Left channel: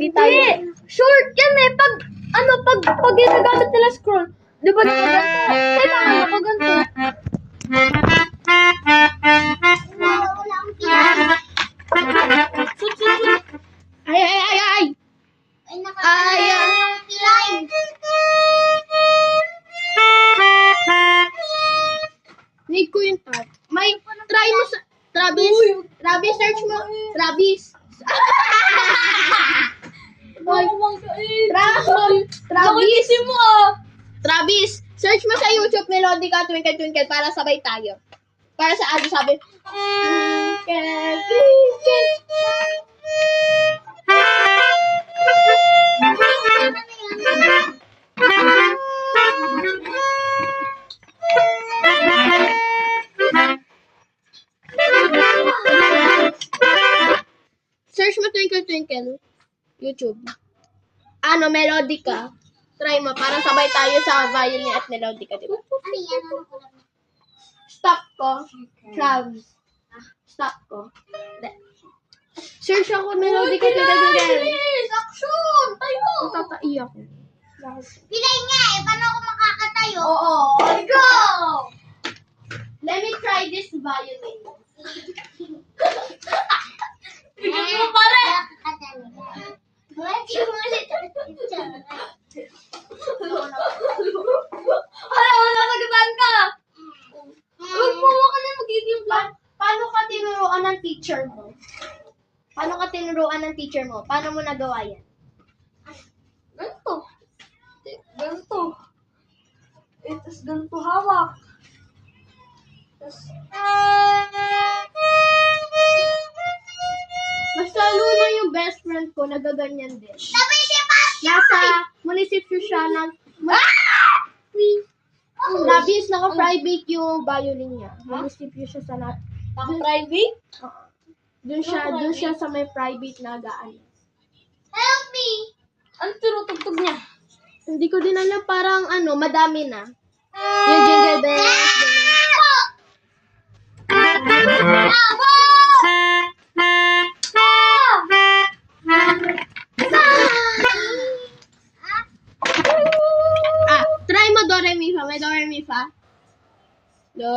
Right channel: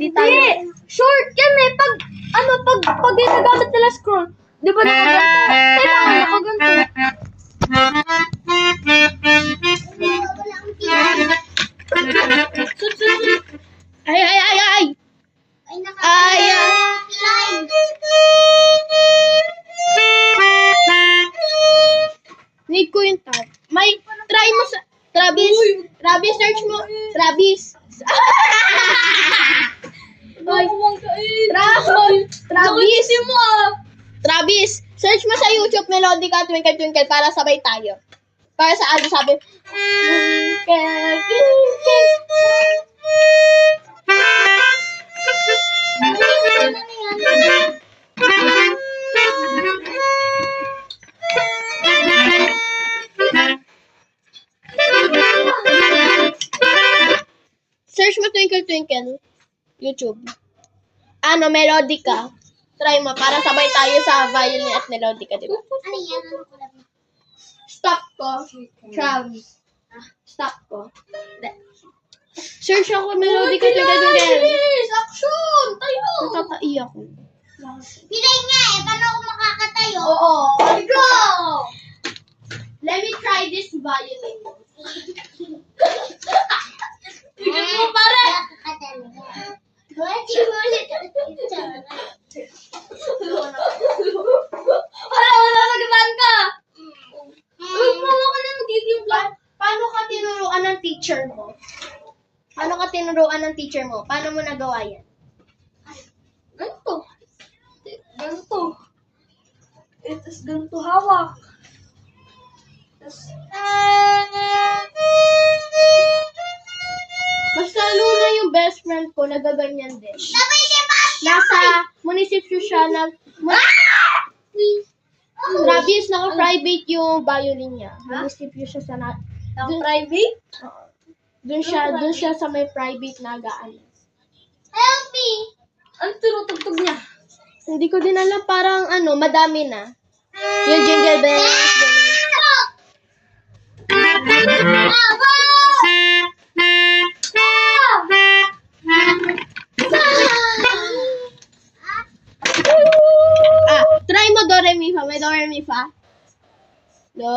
Di tayo. Short yan eh. Pag yung nagamit nila scroll, di ba nakaganto? Kailangan nakaganto. Sut. Ay! Need ko yung tab. May, try mo sa, Travis, search mo. Travis. Nakulisin mo ah. Travis, search mo sa YouTube Melodica Twinkle Twinkle para sabay tayo. Para sa ano sabi? Twinkle, twinkle. Search mo Twinkle Twinkle. YouTube. Ano, Melodica. Try mo para sabay tayo sa violin at melodica, di ba? Stop ko. Travis. Stop ko. Search ako melodica, Twinkle Twinkle. Action! Tayo! Natatai ako. Pilay nga eh, paano ako makakatayo? Oo. Go! Let me try this violin. Bigyan mo pare! Wala, nagataan ka! Mawa ka na magiging vlog. Paano ka tinuruan ng teacher mo? Paano mo nagawa yan? Ganito. Tapos ganito hawak. Basta Luna yung best friend ko, nagaganyan din. Nasa munisipyo siya Travis, naka-private yung violin niya. Munisipyo siya sa Private? Doon siya sa may private na gaan. Help me! Ano tinutugtog niya? Hindi ko din alam, parang madami na. Yung jingle bells, ganun. Try mo do re mi fa. May do re mi fa. Do